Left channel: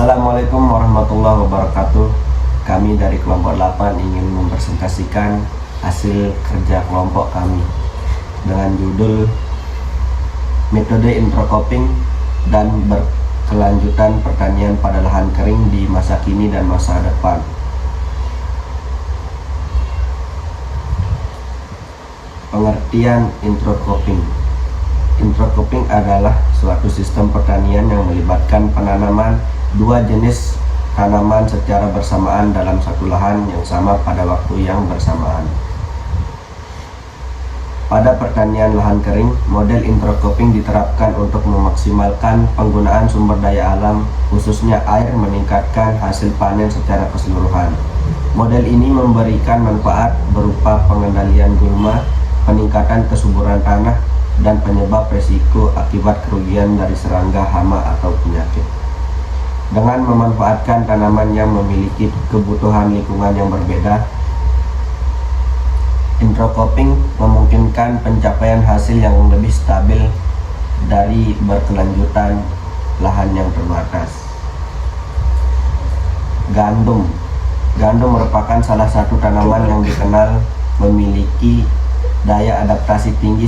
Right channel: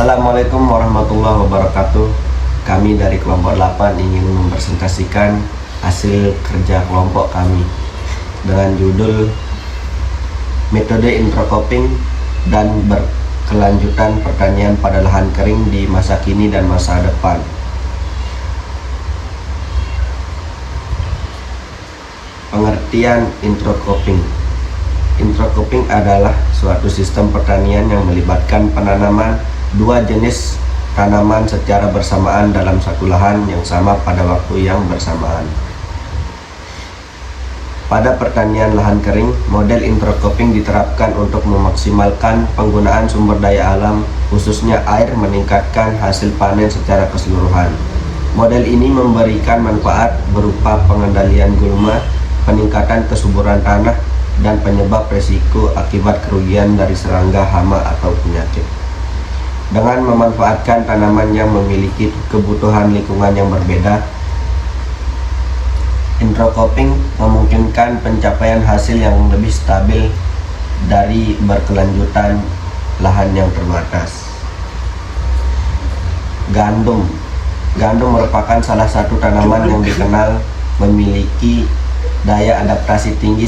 Assalamualaikum warahmatullahi wabarakatuh. Kami dari kelompok 8 ingin mempresentasikan hasil kerja kelompok kami dengan judul Metode Intercropping dan Berkelanjutan Pertanian pada Lahan Kering di Masa Kini dan Masa Depan. Pengertian intercropping. Intercropping adalah suatu sistem pertanian yang melibatkan penanaman dua jenis tanaman secara bersamaan dalam satu lahan yang sama pada waktu yang bersamaan. Pada pertanian lahan kering, model intercropping diterapkan untuk memaksimalkan penggunaan sumber daya alam, khususnya air, meningkatkan hasil panen secara keseluruhan. Model ini memberikan manfaat berupa pengendalian gulma, peningkatan kesuburan tanah, dan penyebab resiko akibat kerugian dari serangga, hama, atau penyakit. Dengan memanfaatkan tanaman yang memiliki kebutuhan lingkungan yang berbeda, intercropping memungkinkan pencapaian hasil yang lebih stabil dari berkelanjutan lahan yang terbatas. Gandum. Gandum merupakan salah satu tanaman yang dikenal memiliki daya adaptasi tinggi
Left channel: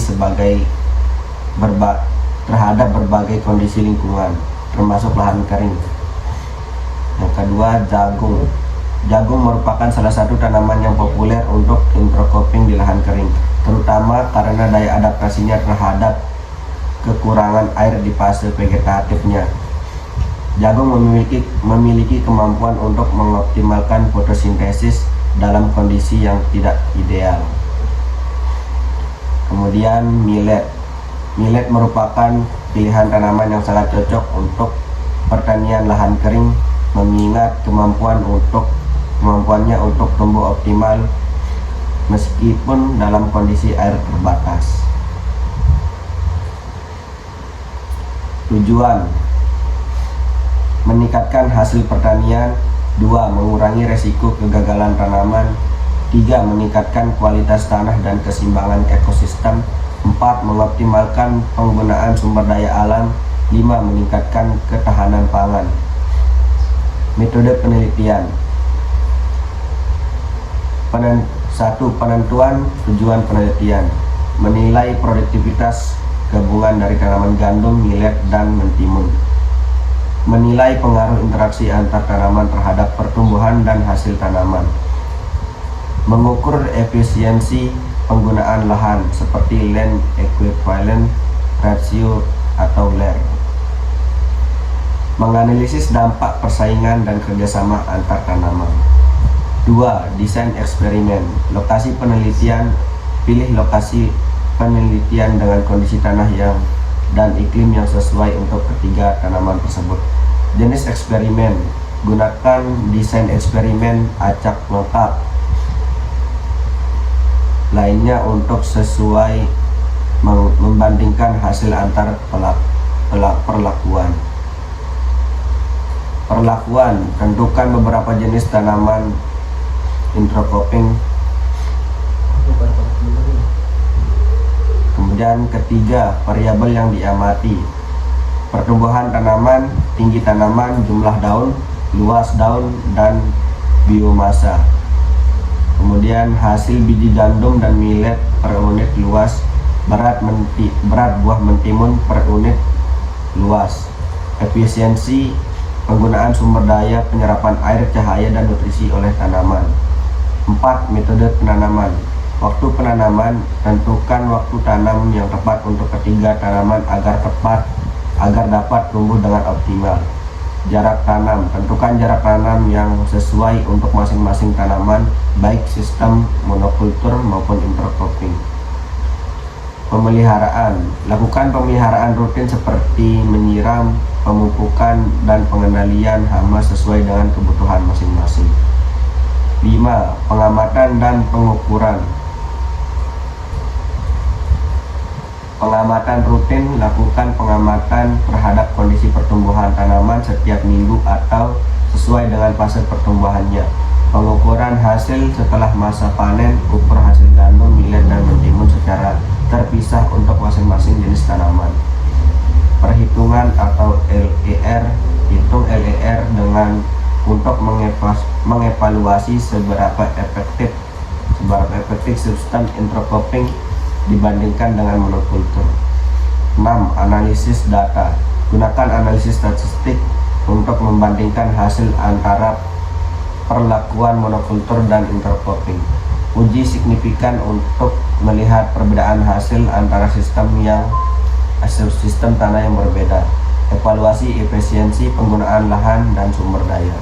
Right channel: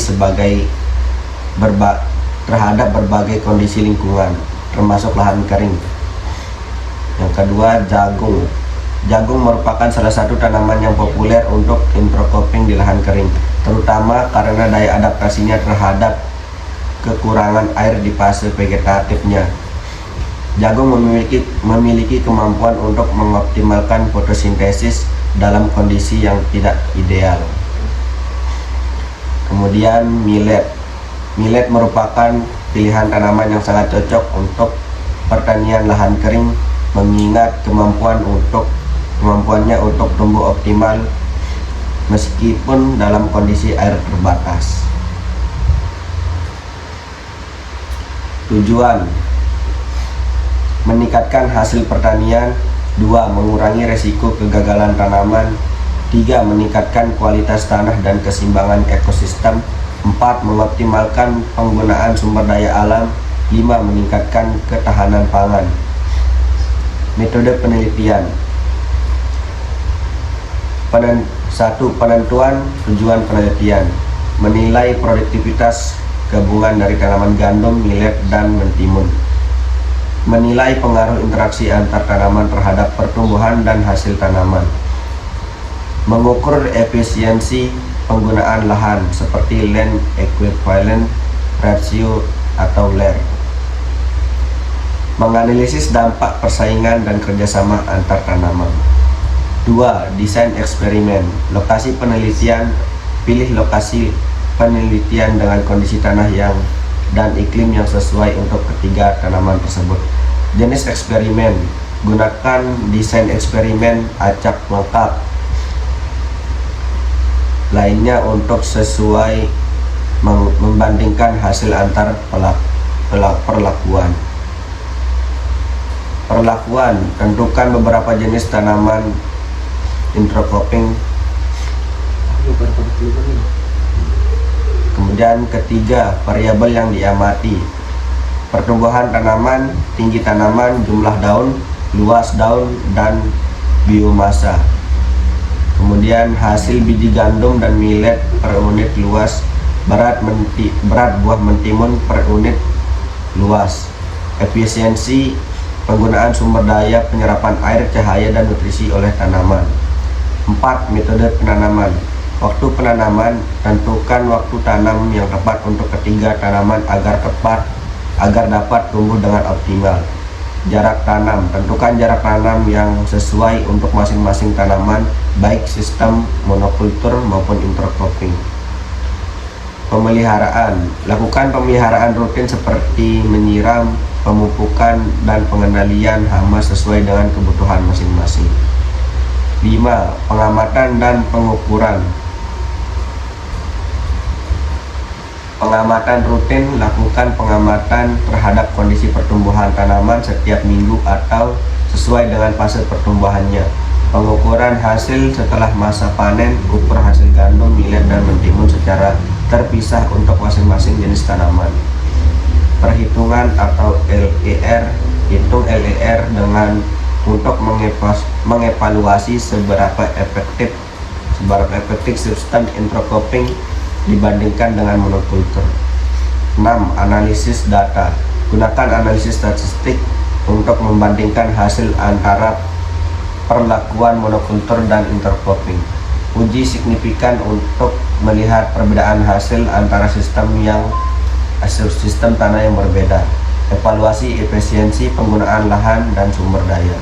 terhadap berbagai kondisi lingkungan, termasuk lahan kering. Yang kedua, jagung. Jagung merupakan salah satu tanaman yang populer untuk intercropping di lahan kering, terutama karena daya adaptasinya terhadap kekurangan air di fase vegetatifnya. Jagung memiliki kemampuan untuk mengoptimalkan fotosintesis dalam kondisi yang tidak ideal. Kemudian millet. Millet merupakan pilihan tanaman yang sangat cocok untuk pertanian lahan kering, mengingat kemampuannya untuk tumbuh optimal meskipun dalam kondisi air terbatas. Tujuan: meningkatkan hasil pertanian. 2. Mengurangi resiko kegagalan tanaman. 3. Meningkatkan kualitas tanah dan keseimbangan ekosistem. 4. Mengoptimalkan penggunaan sumber daya alam. 5. Meningkatkan ketahanan pangan. Metode penelitian. 1. Penentuan tujuan penelitian: menilai produktivitas gabungan dari tanaman gandum, millet, dan mentimun. Menilai pengaruh interaksi antar tanaman terhadap pertumbuhan dan hasil tanaman. Mengukur efisiensi penggunaan lahan seperti land equivalent ratio atau LER. Menganalisis dampak persaingan dan kerjasama antar tanaman. 2. Desain eksperimen. Lokasi penelitian: pilih lokasi penelitian dengan kondisi tanah dan iklim yang sesuai untuk ketiga tanaman tersebut. Jenis eksperimen: gunakan desain eksperimen acak lengkap lainnya untuk sesuai membandingkan hasil antar perlakuan. Tentukan beberapa jenis tanaman intercropping. Kemudian ketiga, variabel yang diamati: pertumbuhan tanaman, tinggi tanaman, jumlah daun, luas daun, dan biomasa. Kemudian hasil biji gandum dan millet per unit luas, berat buah mentimun per unit luas. Efisiensi penggunaan sumber daya penyerapan air, cahaya, dan nutrisi oleh tanaman. 4. Metode penanaman. Waktu penanaman: tentukan waktu tanam yang tepat untuk ketiga tanaman agar dapat tumbuh dengan optimal. Jarak tanam: tentukan jarak tanam yang sesuai untuk masing-masing tanaman, baik sistem monokultur maupun intercropping. Pemeliharaan: lakukan pemeliharaan rutin seperti menyiram, pemupukan, dan pengendalian hama sesuai dengan kebutuhan masing-masing. 5. Pengamatan dan pengukuran. Pengamatan rutin: lakukan pengamatan terhadap kondisi pertumbuhan tanaman setiap minggu atau sesuai dengan fase pertumbuhannya. Pengukuran hasil setelah masa panen: ukur hasil gandum, millet, dan mentimun secara terpisah untuk masing-masing jenis tanaman. Perhitungan atau LER: hitung LER dengan untuk mengevaluasi seberapa efektif substan intercropping dibandingkan dengan monokultur. 6. Analisis data. Gunakan analisis statistik untuk membandingkan hasil antara perlakuan monokultur dan intercropping. Uji signifikan untuk melihat perbedaan hasil antara sistem tanah yang berbeda. Evaluasi efisiensi penggunaan lahan dan sumber daya.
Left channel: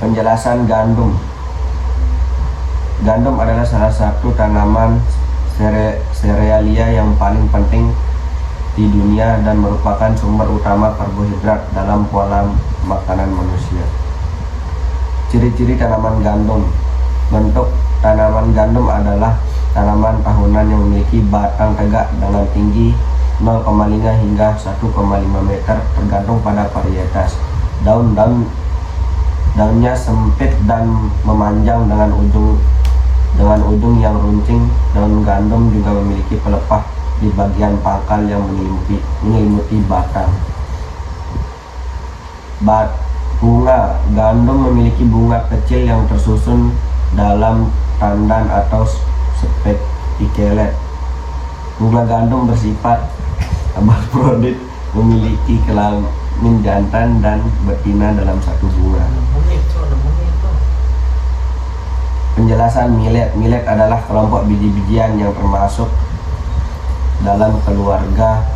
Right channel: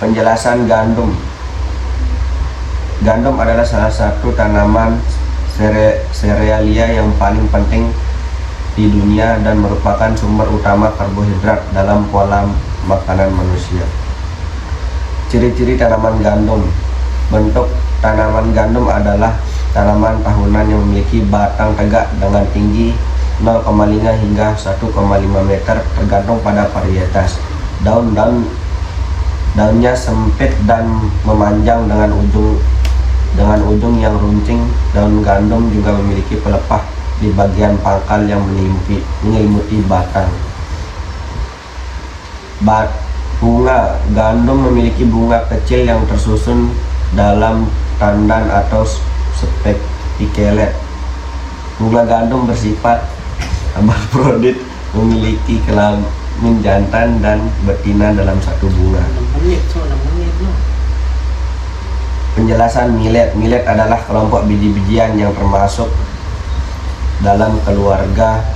Penjelasan gandum. Gandum adalah salah satu tanaman serealia yang paling penting di dunia dan merupakan sumber utama karbohidrat dalam pola makanan manusia. Ciri-ciri tanaman gandum. Bentuk tanaman gandum adalah tanaman tahunan yang memiliki batang tegak dengan tinggi 0,5 hingga 1,5 meter tergantung pada varietas. Daunnya sempit dan memanjang dengan ujung yang runcing. Daun gandum juga memiliki pelepah di bagian pangkal yang menyelimuti batang. Bunga gandum memiliki bunga kecil yang tersusun dalam tandan atau spiklet. Bunga gandum bersifat hermafrodit, memiliki kelamin jantan dan betina dalam satu bunga. Penjelasan millet. Millet adalah kelompok biji-bijian yang termasuk dalam keluarga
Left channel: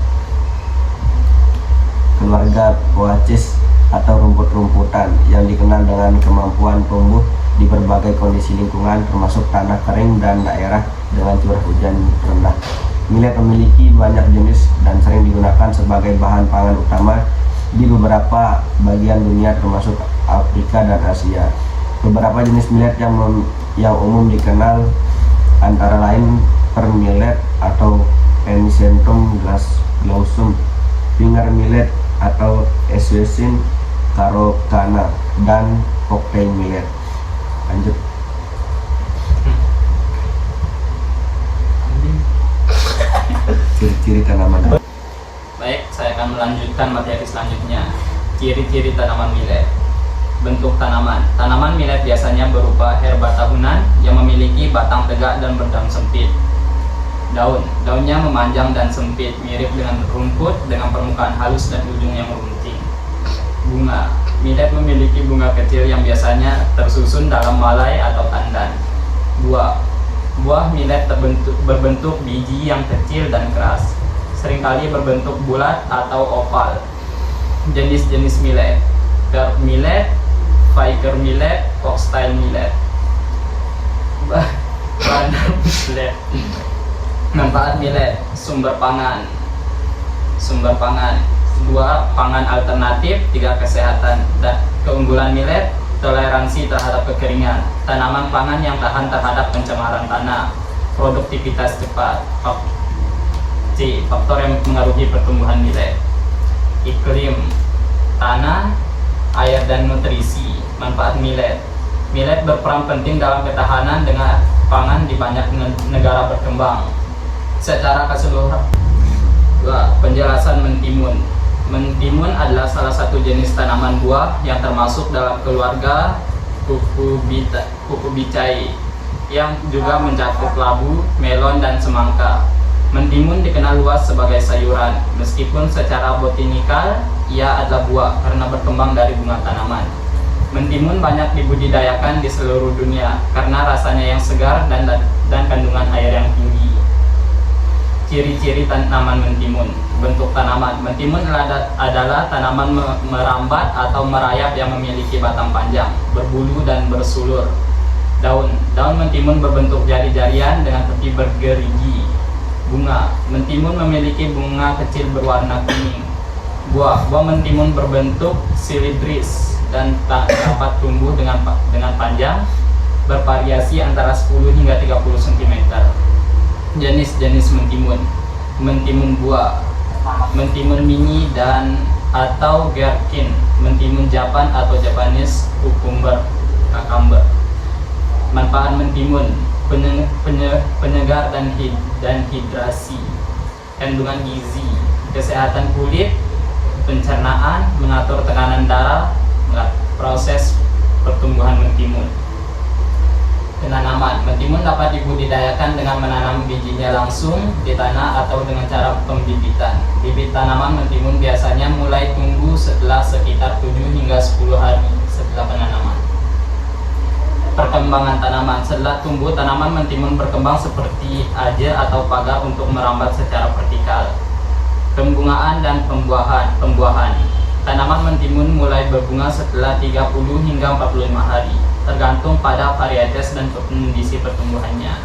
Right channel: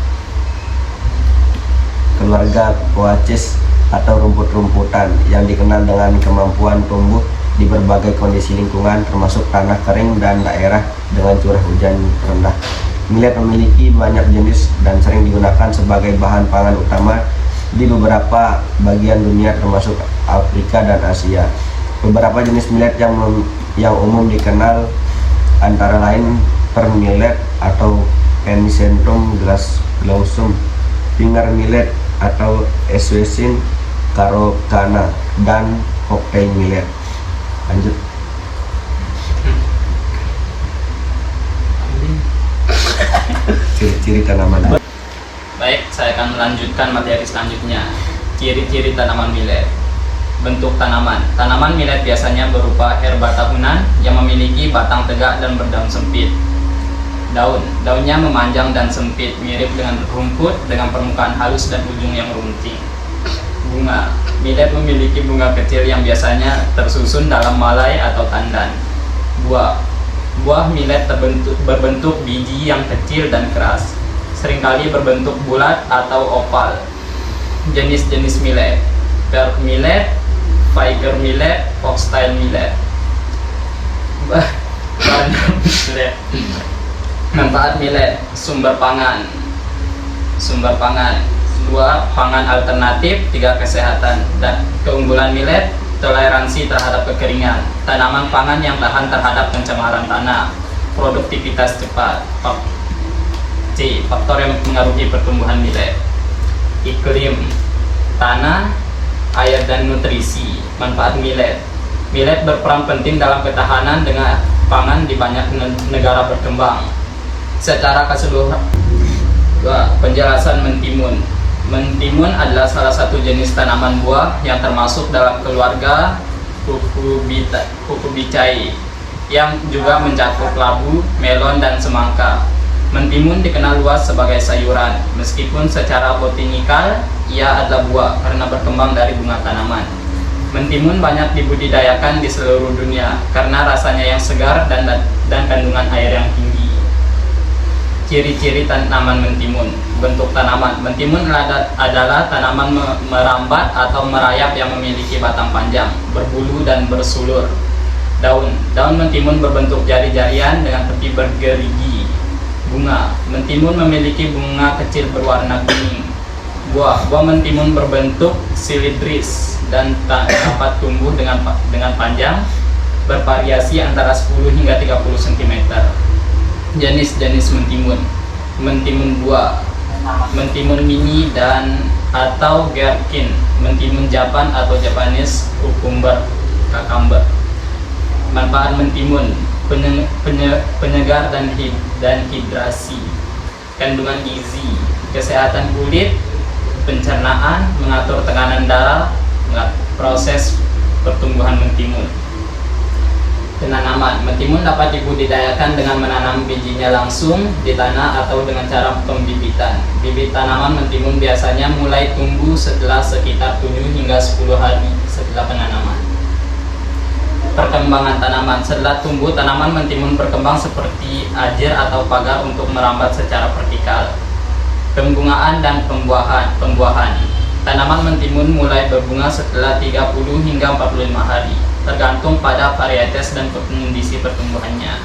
Poaceae atau rumput-rumputan yang dikenal dengan kemampuan tumbuh di berbagai kondisi lingkungan termasuk tanah kering dan daerah dengan curah hujan rendah. Millet memiliki banyak jenis dan sering digunakan sebagai bahan pangan utama di beberapa bagian dunia termasuk Afrika dan Asia. Beberapa jenis millet yang umum dikenal antara lain pearl millet atau Pennisetum glaucum, finger millet atau Equus carocana, dan Poppy millet. Lanjut. Ciri-ciri tanaman. Baik, saya akan melanjutkan materi selanjutnya. Ciri-ciri tanaman millet. Bentuk tanaman. Tanaman millet biasanya berupa herba tahunan yang memiliki batang tegak dan berdaun sempit. Daunnya memanjang dan sempit, mirip dengan rumput dengan permukaan halus dan ujung yang runcing. Bunga. Millet memiliki bunga kecil yang biasanya tersusun dalam malai atau tandan. Buah millet berbentuk biji yang kecil dan keras, seringkali berbentuk bulat atau oval. Jenis-jenis millet: pearl millet, finger millet, foxtail millet. Millet. Manfaat millet: sumber pangan. 2. Pangan alternatif. 3. Kesehatan. Dan keunggulan millet: toleransi terhadap kekeringan, tanaman pangan yang tahan terhadap pencemaran tanah, produktivitas cepat. C. Faktor yang mempengaruhi pertumbuhan millet: iklim, tanah, air, dan nutrisi. Manfaat millet: millet berperan penting dalam ketahanan dengan pangan di banyak negara berkembang. Secara keseluruhan. Penjelasan mentimun. Mentimun adalah salah satu jenis tanaman buah yang termasuk dalam keluarga Cucurbitaceae yang juga mencakup labu, melon, dan semangka. Mentimun dikenal luas sebagai sayuran, meskipun secara botanikal ia adalah buah karena berkembang dari bunga tanaman. Mentimun banyak dibudidayakan di seluruh dunia karena rasanya yang segar dan kandungan air yang tinggi. Ciri-ciri tanaman mentimun. Bentuk tanaman. Mentimun adalah tanaman merambat atau merayap yang memiliki batang panjang, berbulu, dan bersulur. Daun mentimun berbentuk jari-jarian dengan tepi bergerigi. Bunga. Mentimun memiliki bunga kecil berwarna kuning. Buah mentimun berbentuk silindris dan dapat tumbuh dengan panjang bervariasi antara 10 hingga 30 cm. Jenis-jenis mentimun. Mentimun buah, mentimun mini dan atau gherkin, mentimun Japan atau Japanese cucumber. Manfaat mentimun: penyegar dan hidrasi, kandungan gizi, kesehatan kulit, pencernaan, mengatur tekanan darah, Proses pertumbuhan mentimun. Penanaman mentimun dapat dibudidayakan dengan menanam bijinya langsung di tanah atau dengan cara pembibitan. Bibit tanaman mentimun biasanya mulai tumbuh setelah sekitar 7 hingga 10 hari setelah penanaman. Perkembangan tanaman. Setelah tumbuh, tanaman mentimun berkembang seperti ajir atau pagar untuk merambat secara vertikal. Pembungaan dan pembuahan. Tanaman mentimun mulai berbunga setelah 30 hingga 45 hari, tergantung pada varietas dan kondisi pertumbuhannya.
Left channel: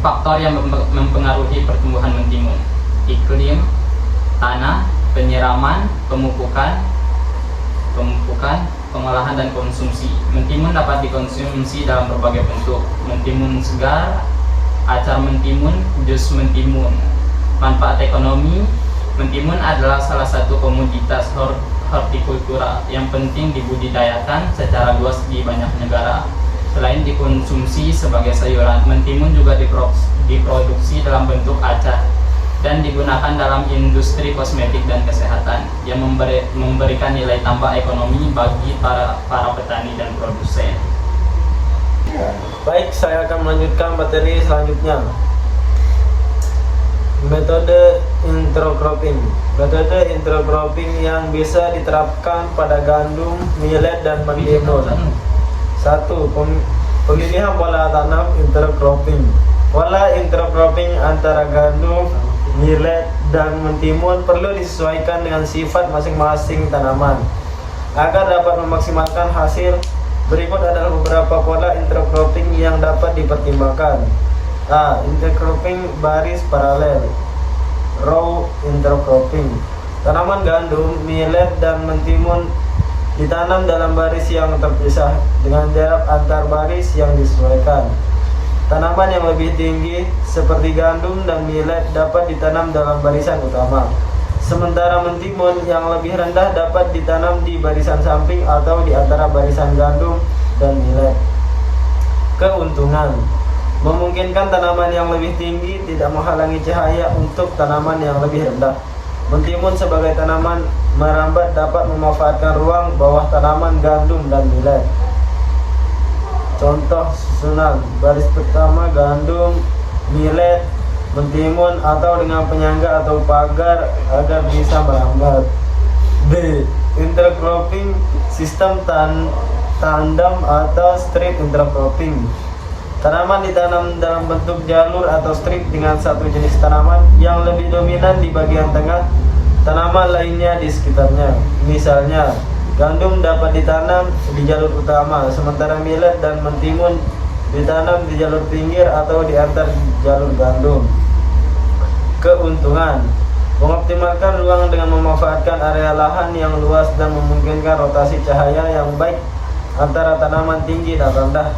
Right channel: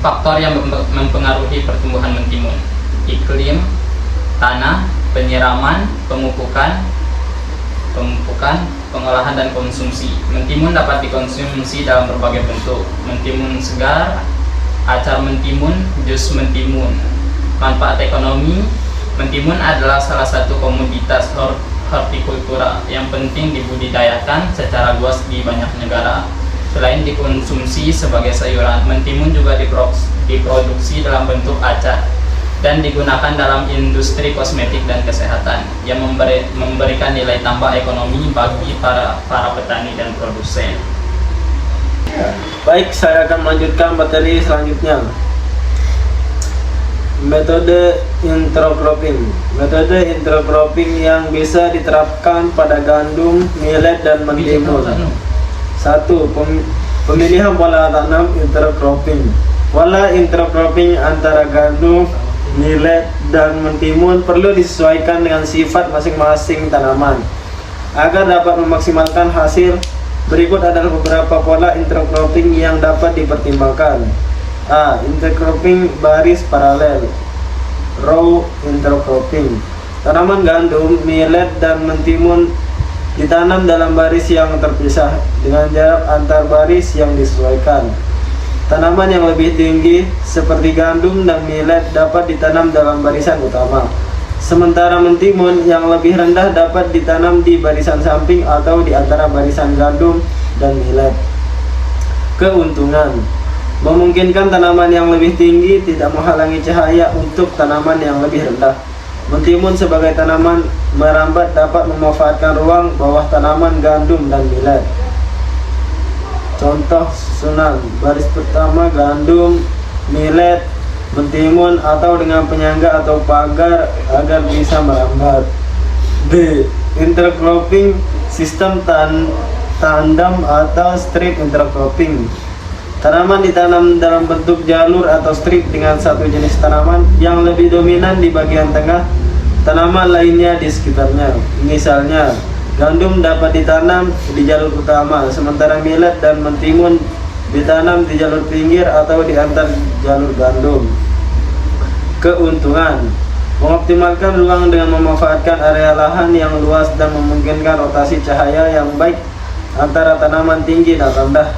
Faktor yang mempengaruhi pertumbuhan mentimun: iklim, tanah, penyiraman, pemupukan, pengolahan dan konsumsi. Mentimun dapat dikonsumsi dalam berbagai bentuk: mentimun segar, acar mentimun, jus mentimun. Manfaat ekonomi: mentimun adalah salah satu komoditas hortikultura yang penting dibudidayakan secara luas di banyak negara. Selain dikonsumsi sebagai sayuran, mentimun juga diproduksi dalam bentuk acar dan digunakan dalam industri kosmetik dan kesehatan yang memberikan nilai tambah ekonomi bagi para petani dan produsen. Baik, saya akan melanjutkan materi selanjutnya. Metode intercropping. Metode intercropping yang bisa diterapkan pada gandum, millet, dan mentimun. 1. Pemilihan pola tanam intercropping. Pola intercropping antara gandum, millet, dan mentimun perlu disesuaikan dengan sifat masing-masing tanaman agar dapat memaksimalkan hasil. Berikut adalah beberapa pola intercropping yang dapat dipertimbangkan. A. Intercropping baris paralel. Row intercropping. Tanaman gandum, millet, dan mentimun ditanam dalam baris yang terpisah dengan jarak antar baris yang disesuaikan. Tanaman yang lebih tinggi seperti gandum dan millet dapat ditanam dalam barisan utama, sementara mentimun yang lebih rendah dapat ditanam di barisan samping atau di antara barisan gandum dan millet. Keuntungan: memungkinkan tanaman yang lebih tinggi tidak menghalangi cahaya untuk tanaman yang lebih rendah. Mentimun sebagai tanaman merambat dapat memanfaatkan ruang bawah tanaman gandum dan millet. Contoh susunan: baris pertama gandum, millet, mentimun, atau dengan penyangga atau pagar agar bisa merambat. B. Intercropping sistem tandem atau strip intercropping. Tanaman ditanam dalam bentuk jalur atau strip dengan satu jenis tanaman yang lebih dominan di bagian tengah, tanaman lainnya di sekitarnya. Misalnya, gandum dapat ditanam di jalur utama, sementara millet dan mentimun ditanam di jalur pinggir atau di antar jalur gandum. Keuntungan: mengoptimalkan ruang dengan memanfaatkan area lahan yang luas dan memungkinkan rotasi cahaya yang baik antara tanaman tinggi dan rendah.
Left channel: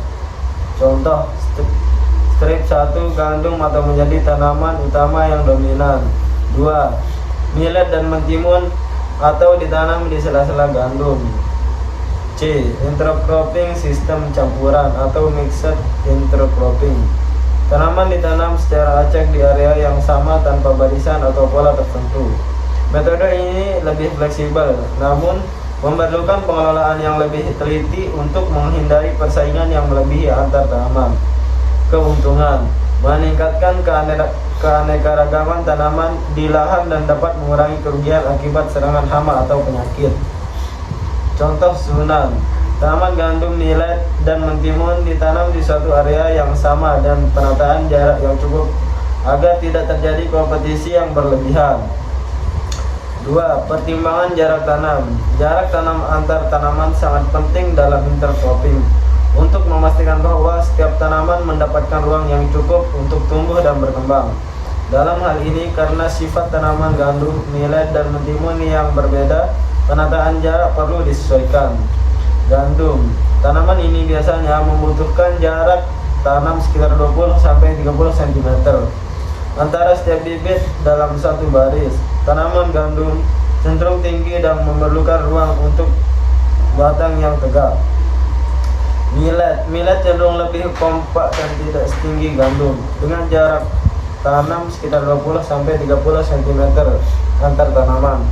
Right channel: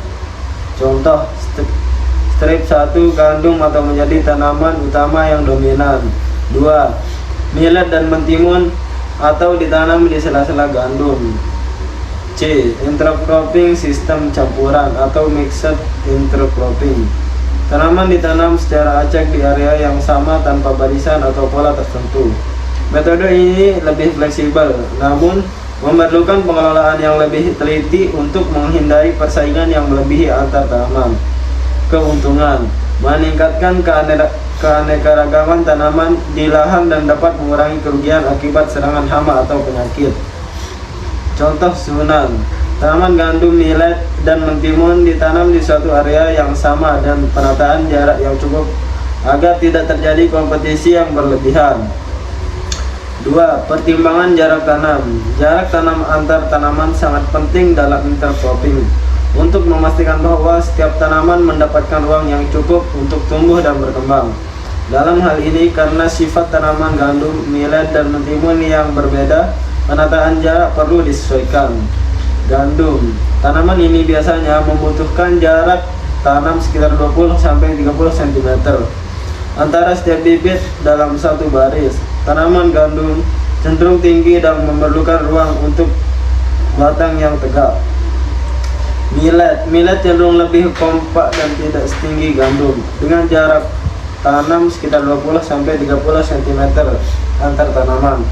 Contoh, strip 1 gandum atau menjadi tanaman utama yang dominan. 2. Millet dan mentimun atau ditanam di sela-sela gandum. C. Intercropping sistem campuran atau mixed intercropping. Tanaman ditanam secara acak di area yang sama tanpa barisan atau pola tertentu. Metode ini lebih fleksibel, namun memerlukan pengelolaan yang lebih teliti untuk menghindari persaingan yang melebihi antar tanaman. Keuntungan: meningkatkan keanekaragaman tanaman di lahan dan dapat mengurangi kerugian akibat serangan hama atau penyakit. Contoh susunan: tanaman gandum, millet, dan mentimun ditanam di suatu area yang sama dan penataan jarak yang cukup agar tidak terjadi kompetisi yang berlebihan. 2. Pertimbangan jarak tanam. Jarak tanam antar tanaman sangat penting dalam intercropping untuk memastikan bahwa setiap tanaman mendapatkan ruang yang cukup untuk tumbuh dan berkembang. Dalam hal ini, karena sifat tanaman gandum, millet, dan mentimun yang berbeda, penataan jarak perlu disesuaikan. Gandum. Tanaman ini biasanya membutuhkan jarak tanam sekitar 20-30 cm antara setiap bibit dalam satu baris. Tanaman gandum cenderung tinggi dan memerlukan ruang untuk batang yang tegak. Millet cenderung lebih kompak dan tidak setinggi gandum, dengan jarak tanam sekitar 20-30 cm antar tanaman.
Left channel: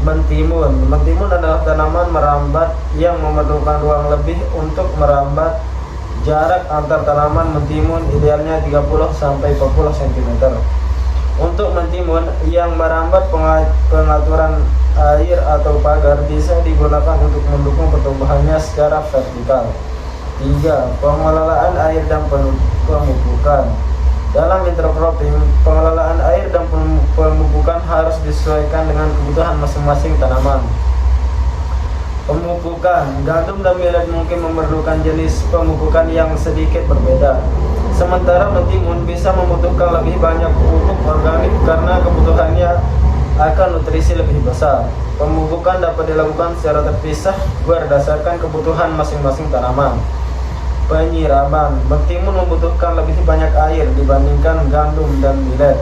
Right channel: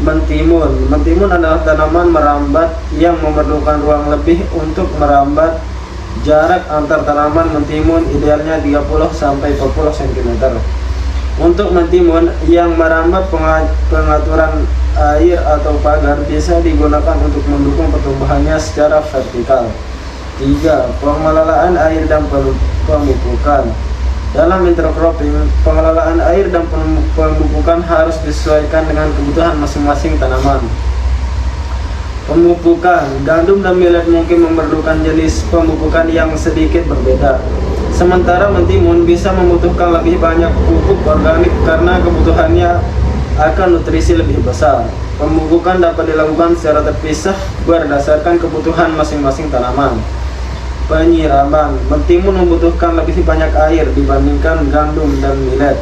Mentimun. Mentimun adalah tanaman merambat yang memerlukan ruang lebih untuk merambat. Jarak antar tanaman mentimun idealnya 30-40 cm. Untuk mentimun yang merambat, pengaturan air atau pagar bisa digunakan untuk mendukung pertumbuhannya secara vertikal. 3. Pengelolaan air dan pemupukan. Dalam intercropping, pengelolaan air dan pemupukan harus disesuaikan dengan kebutuhan masing-masing tanaman. Pemupukan. Gandum dan millet mungkin memerlukan jenis pemupukan yang sedikit berbeda. Sementara mentimun bisa membutuhkan lebih banyak pupuk organik karena kebutuhannya akan nutrisi lebih besar. Pemupukan dapat dilakukan secara terpisah berdasarkan kebutuhan masing-masing tanaman. Penyiraman. Mentimun membutuhkan lebih banyak air dibandingkan gandum dan millet.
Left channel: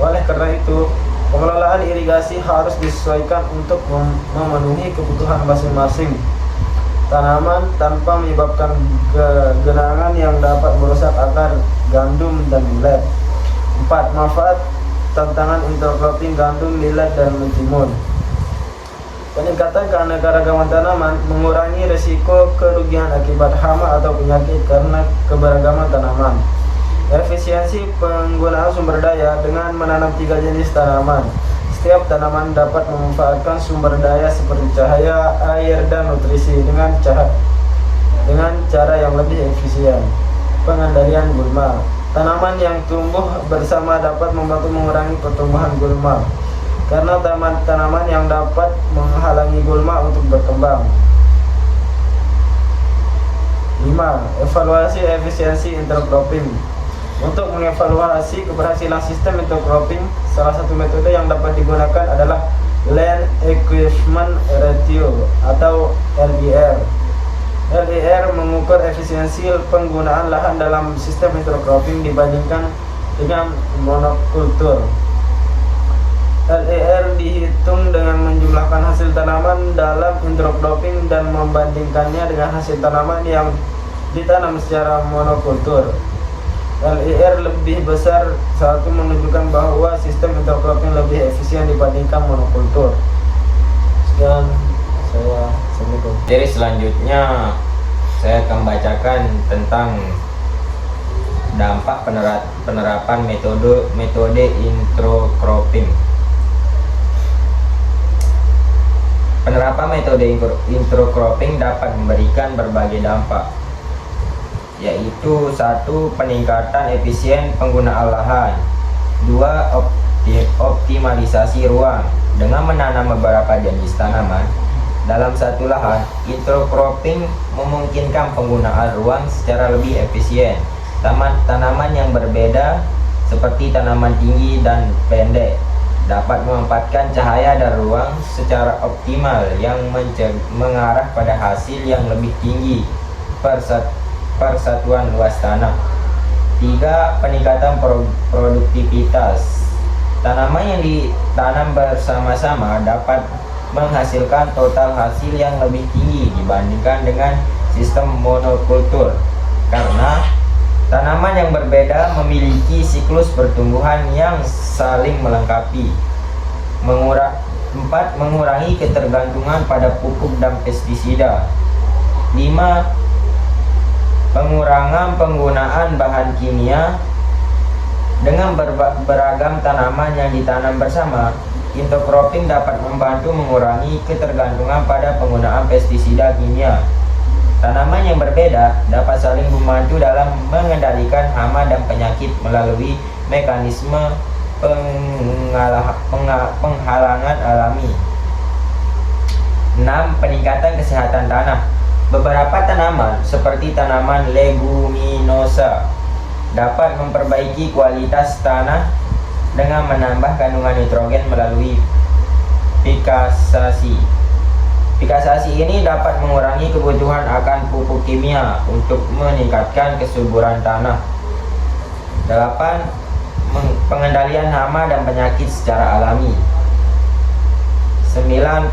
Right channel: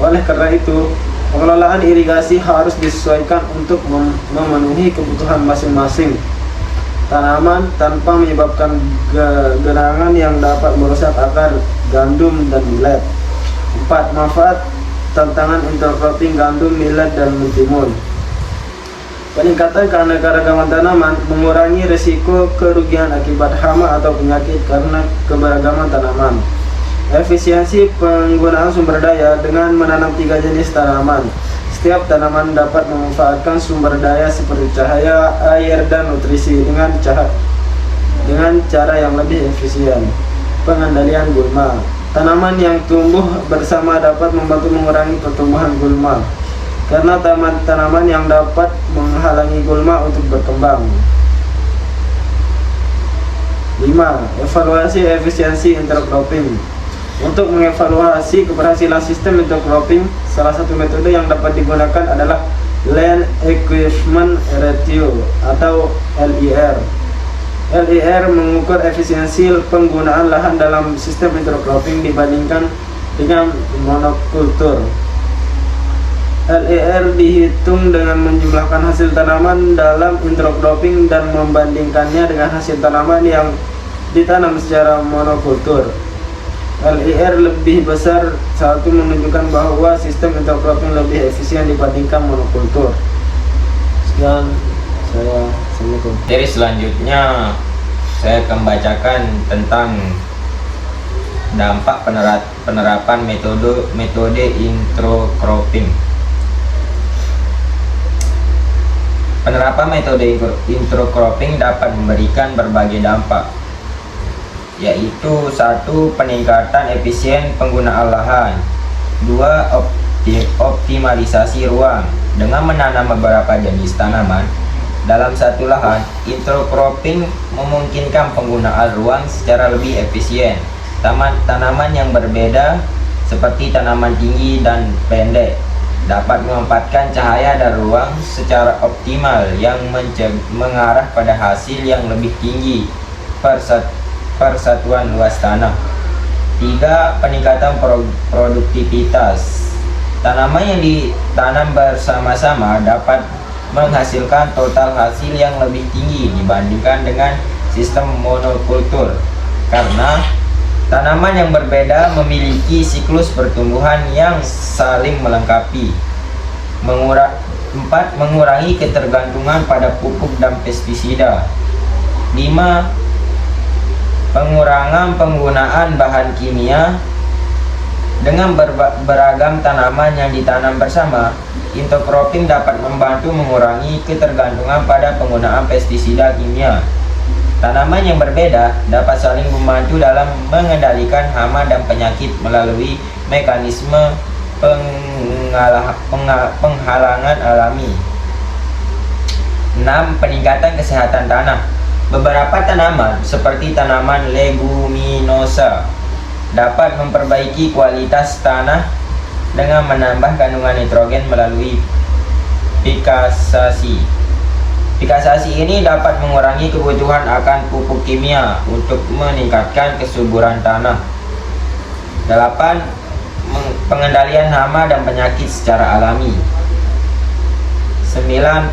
Oleh karena itu, pengelolaan irigasi harus disesuaikan untuk memenuhi kebutuhan masing-masing tanaman tanpa menyebabkan genangan yang dapat merusak akar gandum dan millet. 4. Manfaat tantangan intercropping gandum, millet, dan mentimun. Peningkatan keanekaragaman tanaman, mengurangi risiko kerugian akibat hama atau penyakit karena keberagaman tanaman. Efisiensi penggunaan sumber daya dengan menanam 3 jenis tanaman. Setiap tanaman dapat memanfaatkan sumber daya seperti cahaya, air, dan nutrisi dengan cara yang lebih efisien. Pengendalian gulma. Tanaman yang tumbuh bersama dapat membantu mengurangi pertumbuhan gulma karena tanaman yang dapat menghalangi gulma untuk berkembang. 5. Evaluasi efisiensi intercropping. Untuk mengevaluasi keberhasilan sistem intercropping, salah satu metode yang dapat digunakan adalah Land Equipment Ratio atau LER. LER mengukur efisiensi penggunaan lahan dalam sistem intercropping dibandingkan dengan monokultur. LER dihitung dengan menjumlahkan hasil tanaman dalam intercropping dan membandingkannya dengan hasil tanaman yang ditanam secara monokultur. LER lebih besar satu menunjukkan bahwa sistem intercropping lebih efisien dibandingkan monokultur. Sekian saya sebutkan. Dari selanjutnya saya akan bacakan tentang dampak penerapan metode intercropping. Penerapan metode intercropping dapat memberikan berbagai dampak, yaitu 1. Peningkatan efisien penggunaan lahan. 2. Optimalisasi ruang. Dengan menanam beberapa jenis tanaman dalam satu lahan, intercropping memungkinkan penggunaan ruang secara lebih efisien. Tanaman yang berbeda seperti tanaman tinggi dan pendek dapat memanfaatkan cahaya dan ruang secara optimal yang mengarah pada hasil yang lebih tinggi per satuan luas tanah. 3. Peningkatan produktivitas. Tanaman yang ditanam bersama-sama dapat menghasilkan total hasil yang lebih tinggi dibandingkan dengan sistem monokultur karena tanaman yang berbeda memiliki siklus pertumbuhan yang saling melengkapi. 4. Mengurangi ketergantungan pada pupuk dan pestisida. 5. Pengurangan penggunaan bahan kimia. Dengan beragam tanaman yang ditanam bersama, intercropping dapat membantu mengurangi ketergantungan pada penggunaan pestisida kimia. Tanaman yang berbeda dapat saling membantu dalam mengendalikan hama dan penyakit melalui mekanisme penghalangan alami. 6. Peningkatan kesehatan tanah. Beberapa tanaman seperti tanaman leguminosa dapat memperbaiki kualitas tanah dengan menambah kandungan nitrogen melalui pikasasi. Pikasasi ini dapat mengurangi kebutuhan akan pupuk kimia untuk meningkatkan kesuburan tanah. 8. Pengendalian hama dan penyakit secara alami. 9.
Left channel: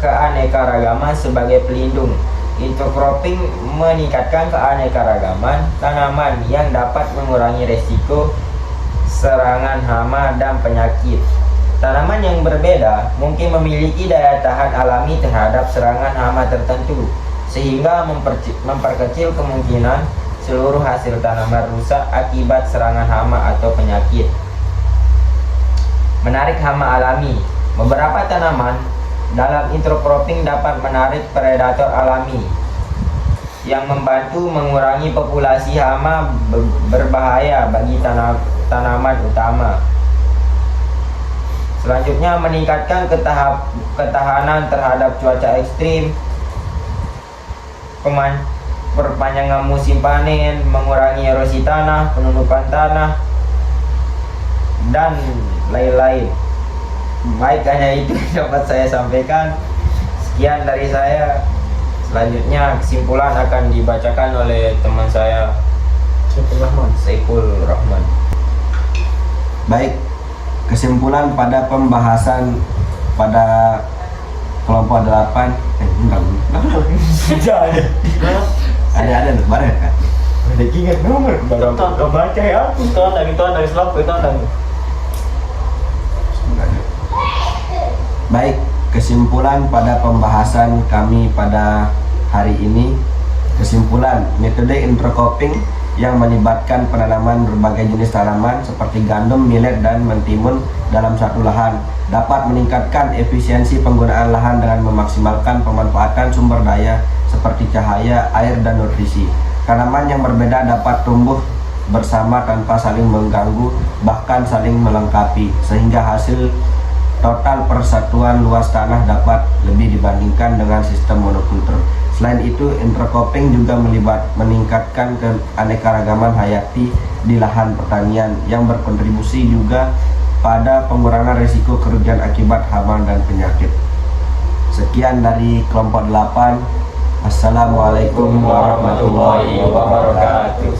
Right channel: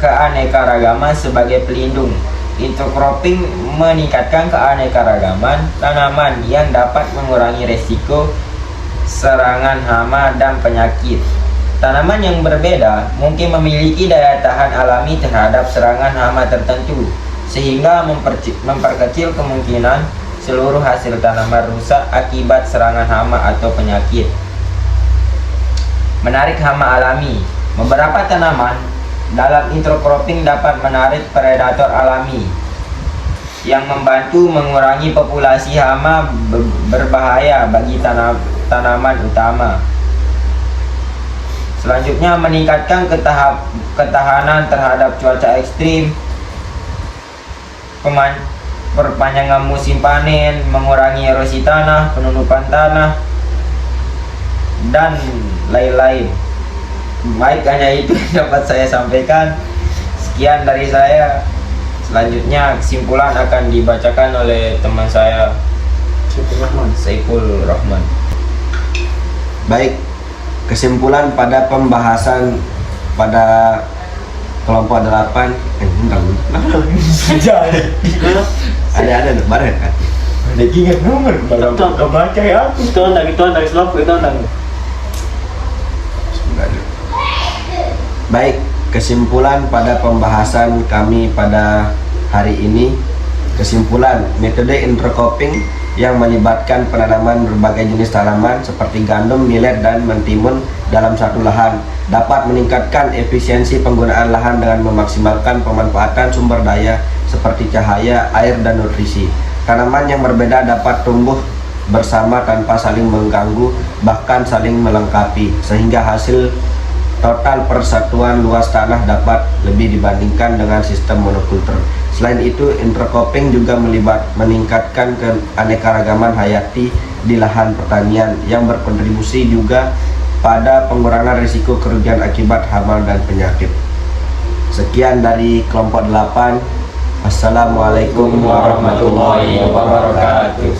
Keanekaragaman sebagai pelindung. Intercropping meningkatkan keanekaragaman tanaman yang dapat mengurangi risiko serangan hama dan penyakit. Tanaman yang berbeda mungkin memiliki daya tahan alami terhadap serangan hama tertentu, sehingga memperkecil kemungkinan seluruh hasil tanaman rusak akibat serangan hama atau penyakit. Menarik hama alami. Beberapa tanaman dalam intercropping dapat menarik predator alami yang membantu mengurangi populasi hama berbahaya bagi tanaman utama. Selanjutnya, meningkatkan ketahanan terhadap cuaca ekstrim, perpanjangan musim panen, mengurangi erosi tanah, penutupan tanah, dan lain-lain. Baik, hanya itu yang dapat saya sampaikan. Sekian dari saya. Selanjutnya kesimpulan akan dibacakan oleh teman saya Saiful Rahman. Baik, kesimpulan pada pembahasan pada kelompok 8 ada baret kan? Ada ingat nomor kalau kebaca ya aku. Itu dari slot itu lagi. Baik, kesimpulan pada pembahasan kami pada hari ini. Kesimpulan, metode intercropping yang melibatkan penanaman berbagai jenis tanaman seperti gandum, millet, dan mentimun dalam satu lahan dapat meningkatkan efisiensi penggunaan lahan dengan memaksimalkan pemanfaatan sumber daya seperti cahaya, air, dan nutrisi. Tanaman yang berbeda dapat tumbuh bersama tanpa saling mengganggu, bahkan saling melengkapi, sehingga hasil total persatuan luas tanah dapat lebih dibandingkan dengan sistem monokultur. Selain itu, intercropping juga meningkatkan keanekaragaman hayati di lahan pertanian yang berkontribusi juga pada pengurangan risiko kerugian akibat hama dan penyakit. Sekian dari kelompok 8. Assalamualaikum warahmatullahi wabarakatuh.